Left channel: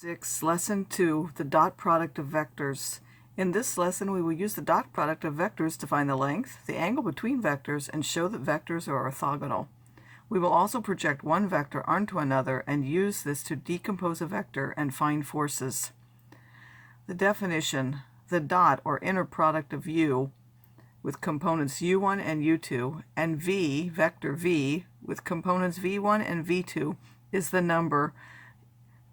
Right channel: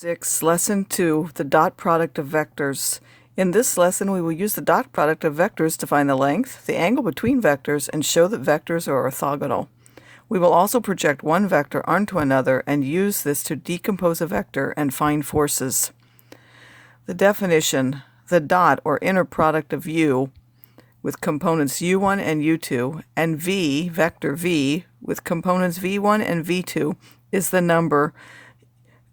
6, Lesson 2, the dot product of vectors. In this lesson, we will use the dot product of vectors to find the length, the angle between vectors, and show that vectors are orthogonal. We will also project one vector onto another and use this to decompose a vector and find forces. The definition: the dot or inner product of u with components u1 and u2 and v, vector v, with components v1 and v2 is the number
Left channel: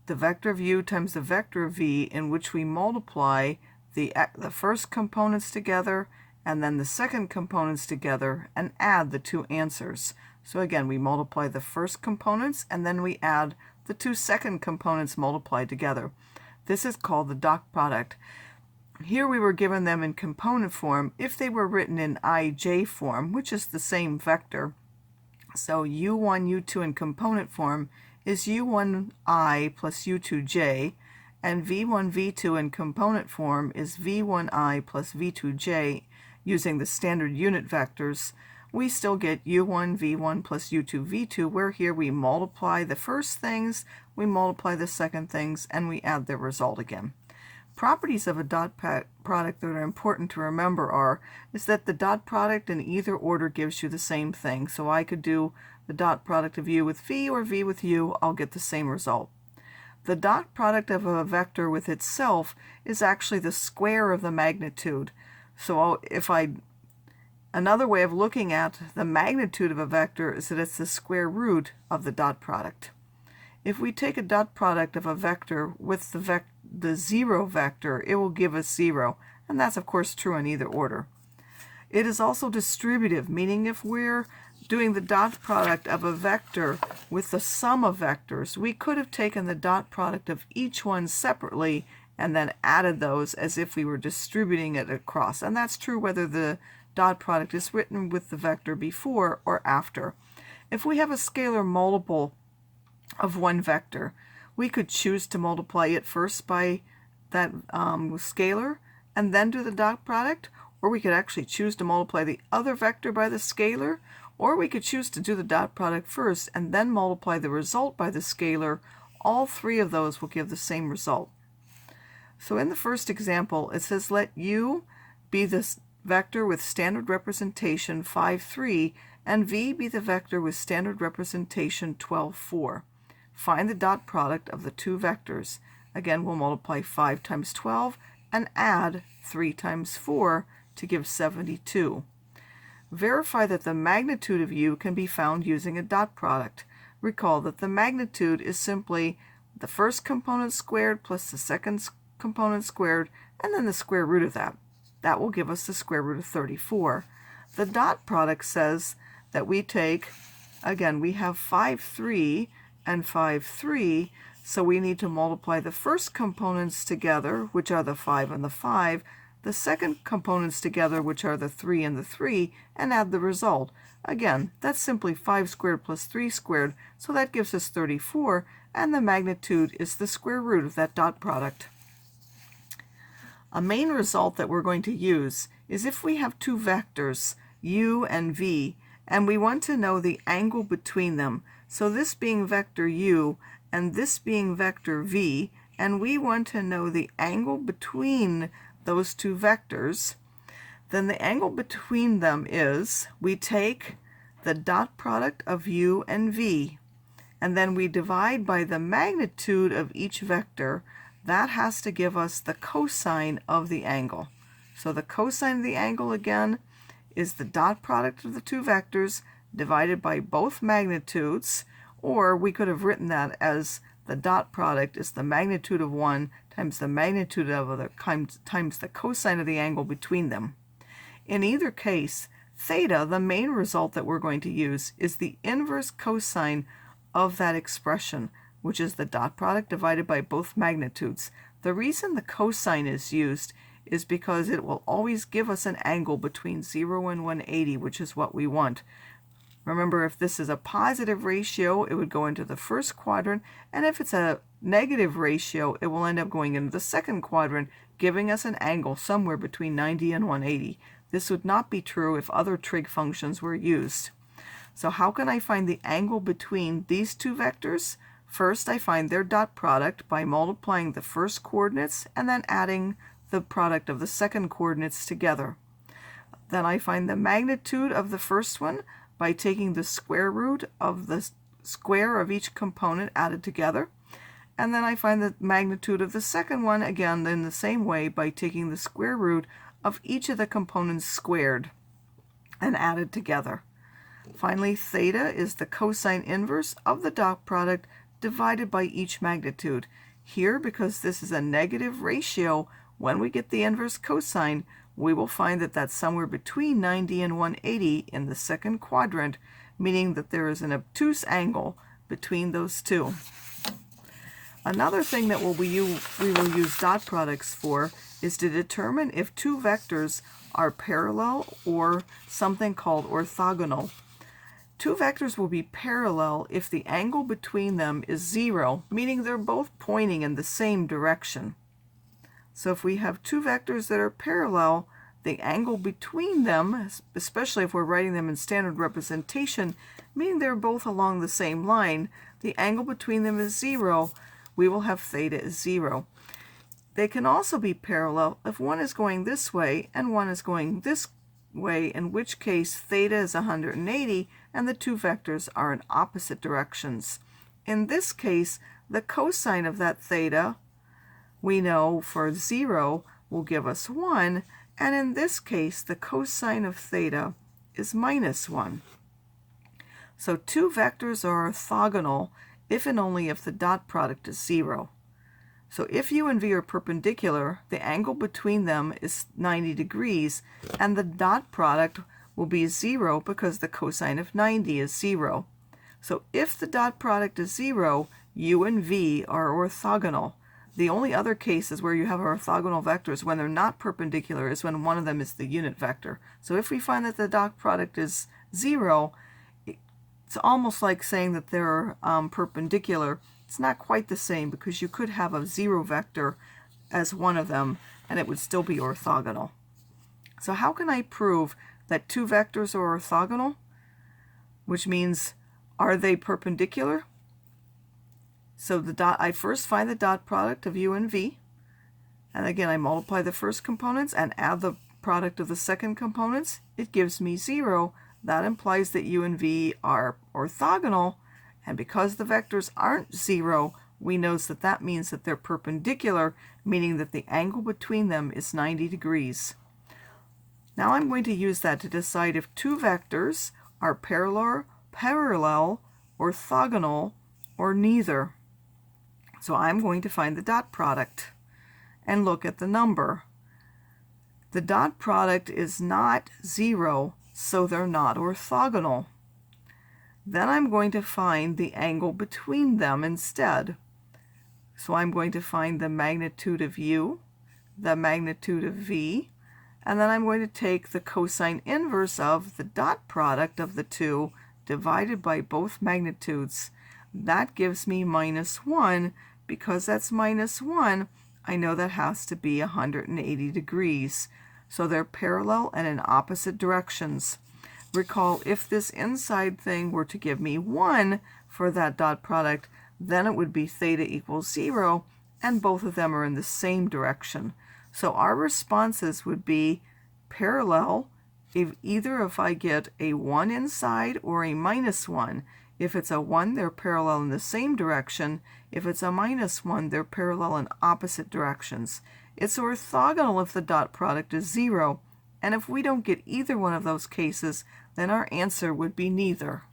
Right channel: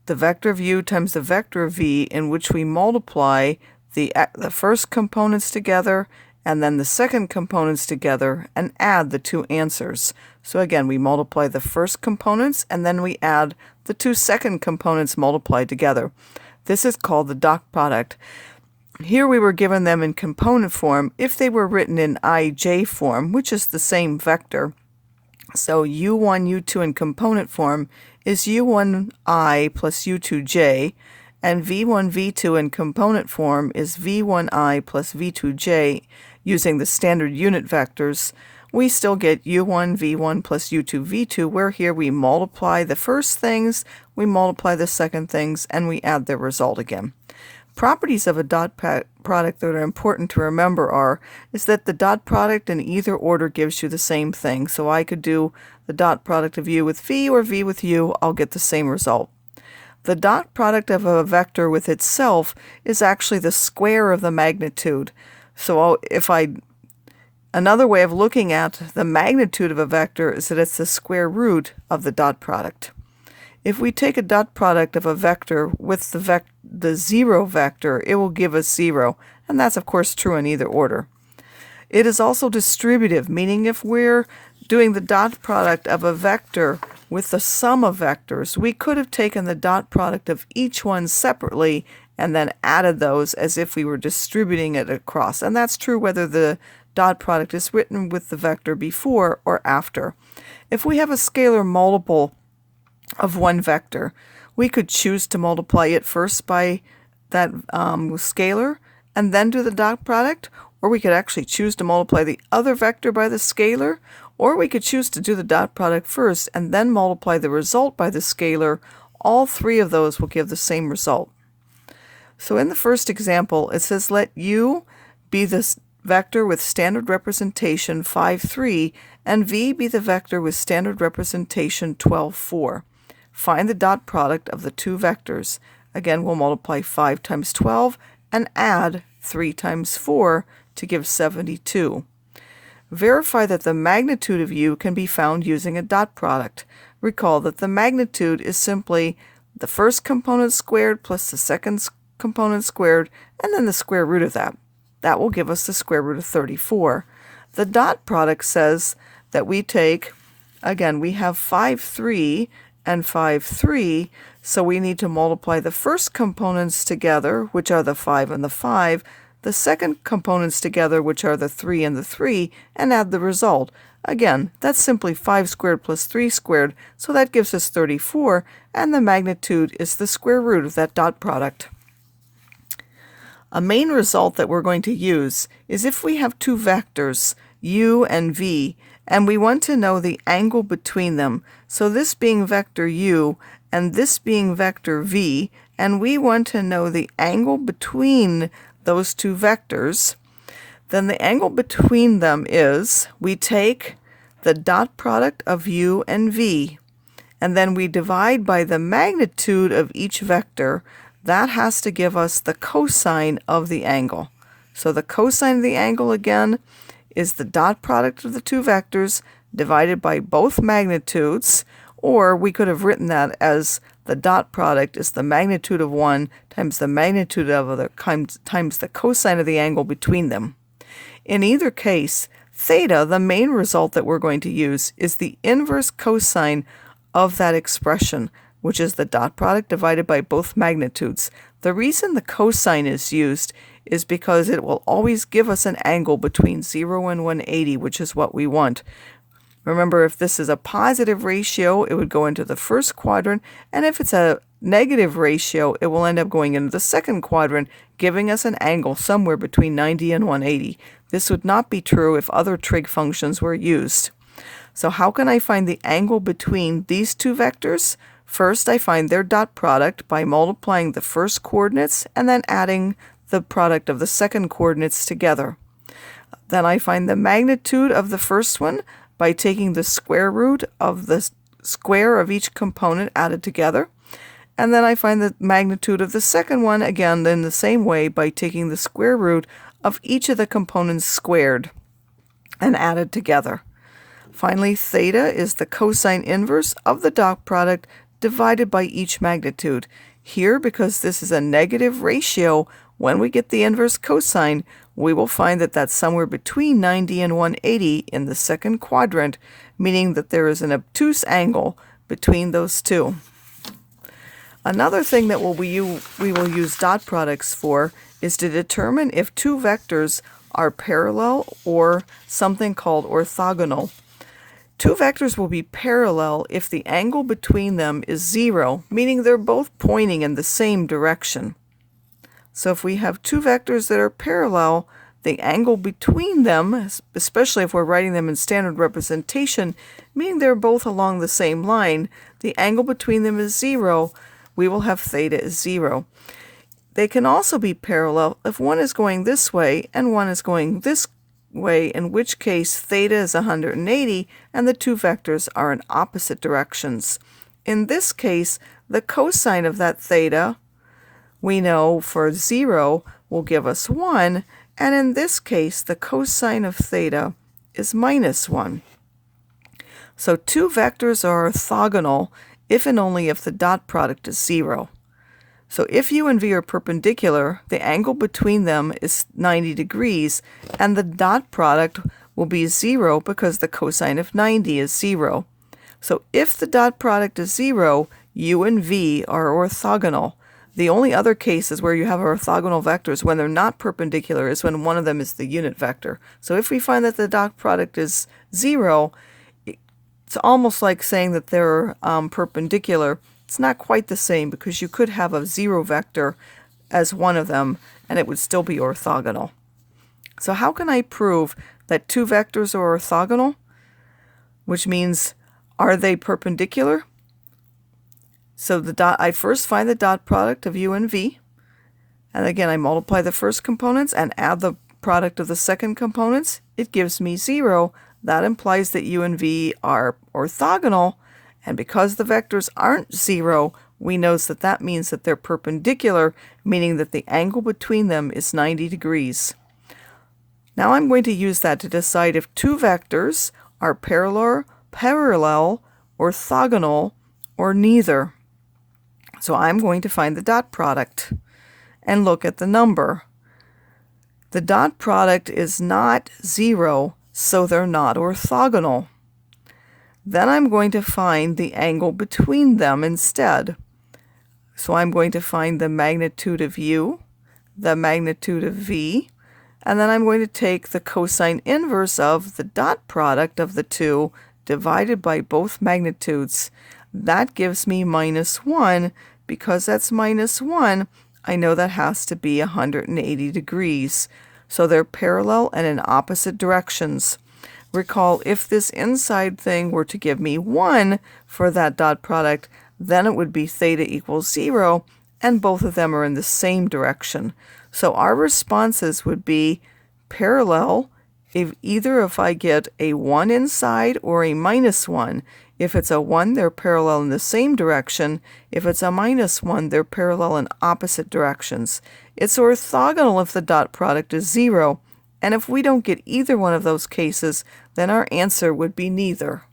the vector of u times the vector of v, in which we multiply the first components together and then the second components together and add the two answers. So again, we multiply the first components and then we add the two second components multiplied together. This is called the dot product. Here we were given them in component form. If they were written in ij form, which is the same vector, so u1, u2 in component form is u1i plus u2j, and v1, v2 in component form is v1i plus v2j. Using the standard unit vectors, we still get u1, v1 plus u2, v2, where here we multiply the first things, we multiply the second things, and we add their result again. Properties of a dot product that are important to remember is that the dot product in either order gives you the same thing. So I could do the dot product of u with v or v with u, I'll get the same result. The dot product of a vector with itself is actually the square of the magnitude. So another way of looking at the magnitude of a vector is that it's the square root of the dot product. If we take a dot product of a vector with the zero vector, it will give us 0, and that's of course true in either order. It is also distributive, meaning if we're doing the dot product of a vector with the sum of vectors, we could have taken the dot product of each one separately and then added those as if we were distributing it across. And that's true whether the dot product is written with the vector before or after. If we have a scalar multiple of one vector, we could choose to multiply it first by that scalar and then do the dot product, or we could actually choose to multiply the other vector by the scalar, or we could choose to do the dot product first and then multiply the result by the scalar. All three of those will give the same result. So in the first example, it says let u be the vector with standard representation 5, 3, and v be the vector with standard representation 12, 4. Find the dot product of the two vectors. Again, we'll multiply 5 times 12 and add 3 times 4 to give 72. Verify that the magnitude of u can be found using a dot product. Recall that the magnitude is simply the first component squared plus the second component squared, and then the square root of that. That will give us the square root of 34. The dot product says that we take, again, we have 5, 3 and 5, 3, so we need to multiply the first components together, which are the 5 and the 5, the second components together, which are the 3 and the 3, and add the result. Again, that's simply 5 squared plus 3 squared, so that gives us 34, and the magnitude is the square root of that dot product. A main result that we're going to use is if we have two vectors, u and v, and we want to know the angle between them. So this being vector u and this being vector v, and we want to know the angle between those two vectors, then the angle between them is we take the dot product of u and v, and then we divide by the magnitude of each vector. That has to give us the cosine of the angle. So the cosine of the angle, again, is the dot product of the two vectors divided by both magnitudes, or we could have written that as the dot product is the magnitude of one times the magnitude of other times the cosine of the angle between them. In either case, theta, the main result that we're going to use, is the inverse cosine of that expression, which is the dot product divided by both magnitudes. The reason the cosine is used is because it will always give us an angle between 0 and 180, which is what we want. Remember, if this is a positive ratio, it would go into the first quadrant, and if it's a negative ratio, it will end up going into the second quadrant, giving us an angle somewhere between 90 and 180. This would not be true if other trig functions were used. So how can I find the angle between these two vectors? First, I find their dot product by multiplying the first coordinates and then adding the product of the second coordinates together. Then I find the magnitude of the first one by taking the square root of the square of each component added together. And then I find the magnitude of the second one, again, in the same way by taking the square root of each of the components squared and added together. Finally, theta is the cosine inverse of the dot product divided by each magnitude. Here, because this is a negative ratio, when we get the inverse cosine, we will find that that's somewhere between 90 and 180 in the second quadrant, meaning that there is an obtuse angle between those two. Another thing that we will use dot products for is to determine if two vectors are parallel or something called orthogonal. Two vectors will be parallel if the angle between them is 0, meaning they're both pointing in the same direction. So if we have two vectors that are parallel, the angle between them, especially if we're writing them in standard representation, meaning they're both along the same line, the angle between them is 0, we will have theta is 0. They can also be parallel if one is going this way and one is going this way, in which case theta is 180 and the two vectors are in opposite directions. In this case, the cosine of that theta, we know for 0 will give us 1, and in this case the cosine of theta is -1. So two vectors are orthogonal if and only if the dot product is 0. So if u and v are perpendicular, the angle between them is 90 degrees, and the dot product will be 0 because the cosine of 90 is 0. So if the dot product is 0, u and v are orthogonal. The only other cases where you have orthogonal vectors when they're not perpendicular is when one of them is the unit vector. So if we find that the dot product is 0, it's almost like saying that they're perpendicular. It's not quite the same because you could have a 0 vector as one of them and it would still be orthogonal. So how can I prove that two vectors are orthogonal? Which means, are they perpendicular? So I first find the dot product of u and v, and again I multiply the first components and add the product of the second components. It gives me 0. That implies that u and v are orthogonal, and because the vectors aren't 0, we know that that means that they're perpendicular, meaning that the angle between them is 90 degrees. Now I'm going to use that to decide if two vectors are parallel, orthogonal, or neither. So I'm going to find the dot product and look at the number. The dot product is not 0, so they're not orthogonal. Then I'm going to find the angle between them instead. So I'm going to find the magnitude of u, the magnitude of v, and then I'm going to take the cosine inverse of the dot product of the two divided by both magnitudes. That gives me -1. Because that's -1, I know that has to be 180 degrees. So they're parallel and in opposite directions. Recall, if this inside thing were to give me 1 for that dot product, then it would be theta equals 0, and both of them are in the same direction. So our responses would be parallel if I get a 1 inside or a -1. If it's a 1, they're parallel in the same direction. If it's a -1, they're parallel in opposite directions. It's orthogonal if the dot product is 0, and if we don't get either one of those cases, then our answer would be neither.